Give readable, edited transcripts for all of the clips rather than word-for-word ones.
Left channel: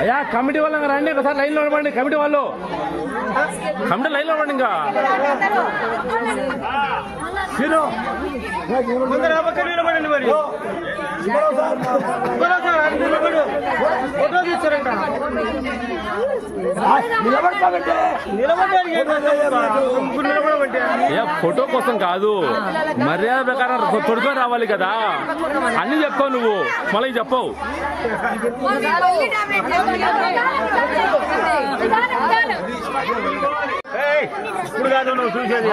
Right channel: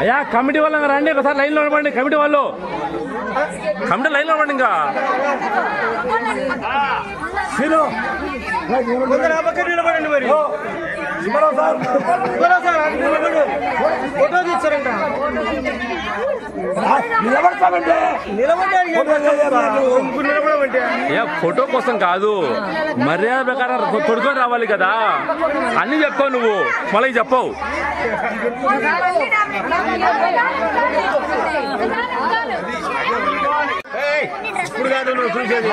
అయ్యా కమిటీ వాళ్ళు రండి, ఒకసారి లైన్ లో నిలబడండి. కమిటీ వాళ్ళు లైన్ లో నిలబడండి. ఇంకా ఫోటో కోసం కాదు, మర్యాద ప్రకారం తొడుకొని రావాలి కదా. అన్ని చెప్పావు నువ్వు, మళ్ళీ చెప్పవు. ఇప్పుడు కాదు నువ్వు చూసేది,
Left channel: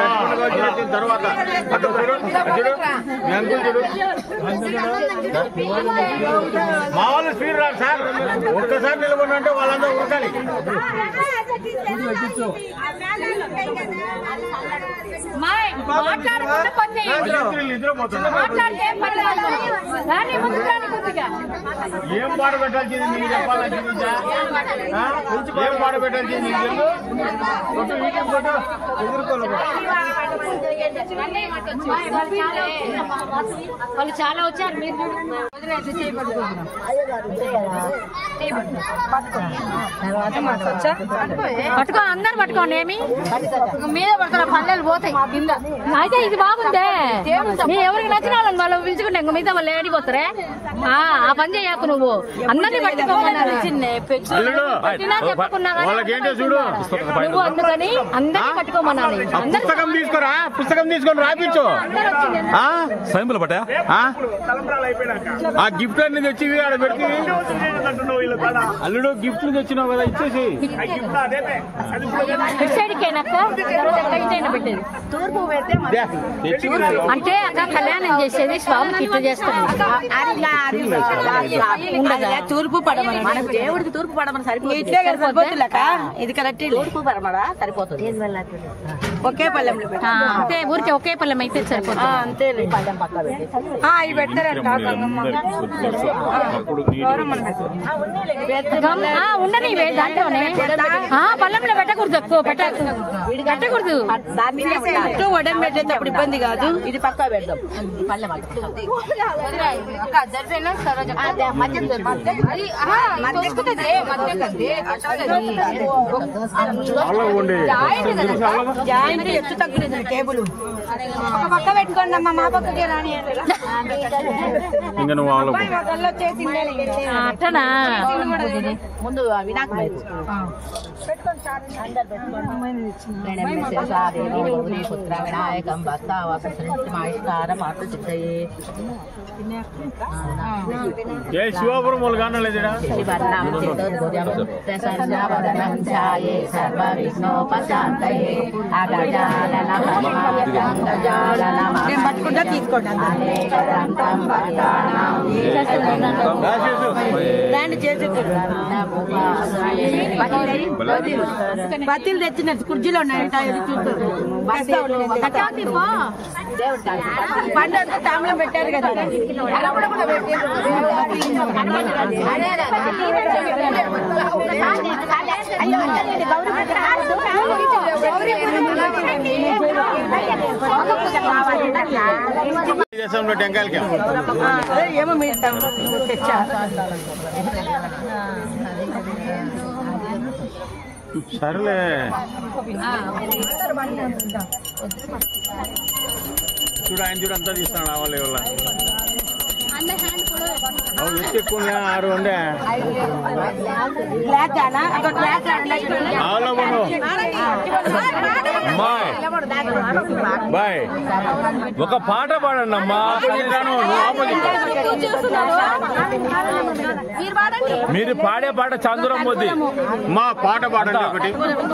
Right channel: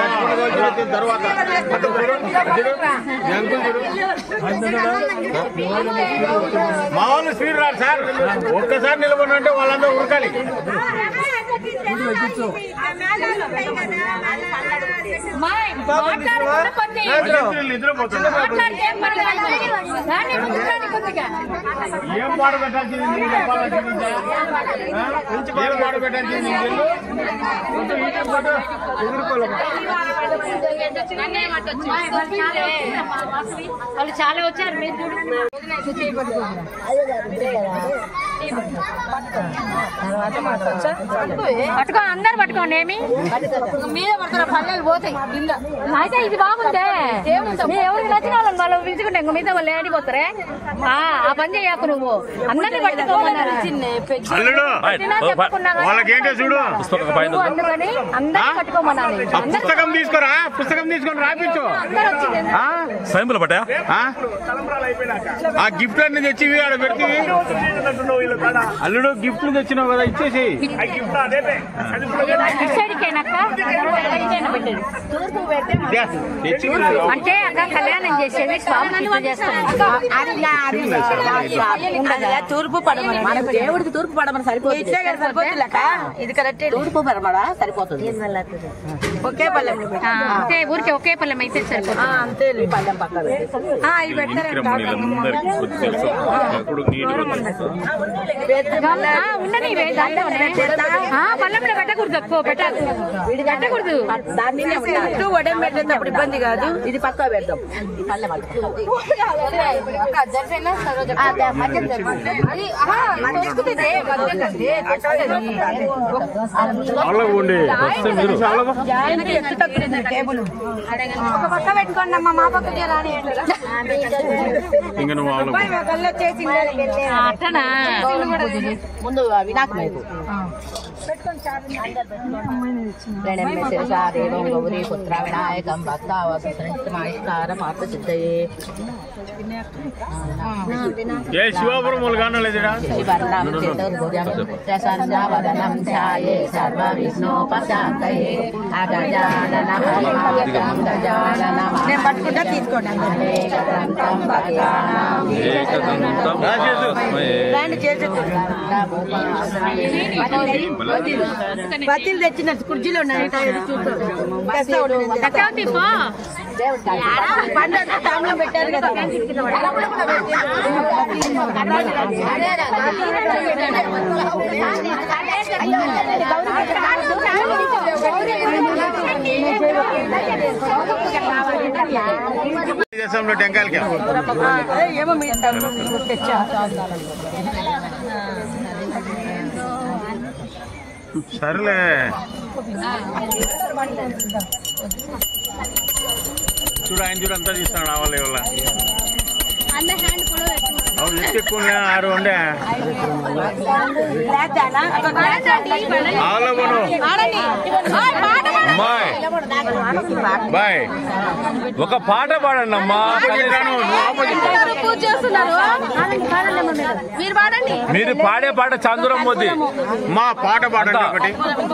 తర్వాత మా వాళ్ళు స్పీడ్ రాదు సార్. ఒక్కసారి నిలబడినంటే వాళ్ళందరూ ఉరకాలి. ఏం పాట పెట్టాల్సింది నీకు చెప్పాలంటే, ఏం పాట పెట్టాల్సింది నీకు తెలుసు. వాళ్ళు చాలా వచ్చారు. పట్టుకో, అందరు పట్టుకోండి. ఏమి మీద పక్కన పల్లెలు పోతాయి. అయితే ఇది బాగుందే, ఎవరికి నచ్చిన వాళ్ళని వాళ్ళు పిలుచుకుంటే ఇంక మిగతా వాళ్ళు ఏడిపోతారే. ఆ పని చేయకు నువ్వు. అందరినీ పట్టుకోమన్నారు. వాళ్ళకేంటో చూడు, అందుకని అందరినీ పట్టుకోమన్నాను. పుస్తకం తీసుకురా, పుస్తకం తీసుకొని రాపించు. ఆ గిఫ్ట్ అన్ని తెచ్చి ఆడ పెడుతుంది. అల్లుడు గిఫ్ట్లు తెచ్చినావు కదా, ఇచ్చేసి. అంటే అక్కడ కళ్యాణం చేసేది స్వామి చేస్తాను. తూర్పు పడమని మనకు దేవుడికి తూర్పు పడమని సరిపోతుంది. ఇది కరెక్ట్. తూర్పు పడమడా సరిపోతుంది. ఒకే పల్లెం అంతే, ఊరికి ఒకే పల్లెం అయితే సరిపోతుంది. అంతే. పల్లెం పక్క ఇవి పెట్టారు. ఉండని పల్లెంలో పెట్టకూడదు, ఎక్కువ పెట్టకూడదు. చుట్టూ వడం పెట్టేటప్పుడు ఇబ్బంది కాదు. ఇది పక్క పెడదాం. పల్లెం టేబుల్ పక్క పెట్టుకోండి అమ్మా. మా పక్కకే రాని ముందు వినాయక గౌరీ పుత్ర వినాయకం భక్తావసంస్కార పాత్ర సిద్ధయే. శివాపురం వాళ్ళు కానలేదా? ప్రసన్నవదనం ధ్యాయే సర్వ విఘ్నోపశాంతయే. బతిలు తెచ్చిన కుర్జీలో ఉన్నాయి. తాంబూలం పెట్టారు కదా. టెంకాయలకి ఏమో మీరు సరేలే. చూడు ఆయన చూడు అంతా తీస్తున్నాడు. ఆవాలి వల్ల ఎక్కువ 6 ఉండే బాయ్. ఒక పాట పాడండి అమ్మా. మీరు పాడే పాట చంద్రం మోదీ. మా పాట పాడండి ఒకటి.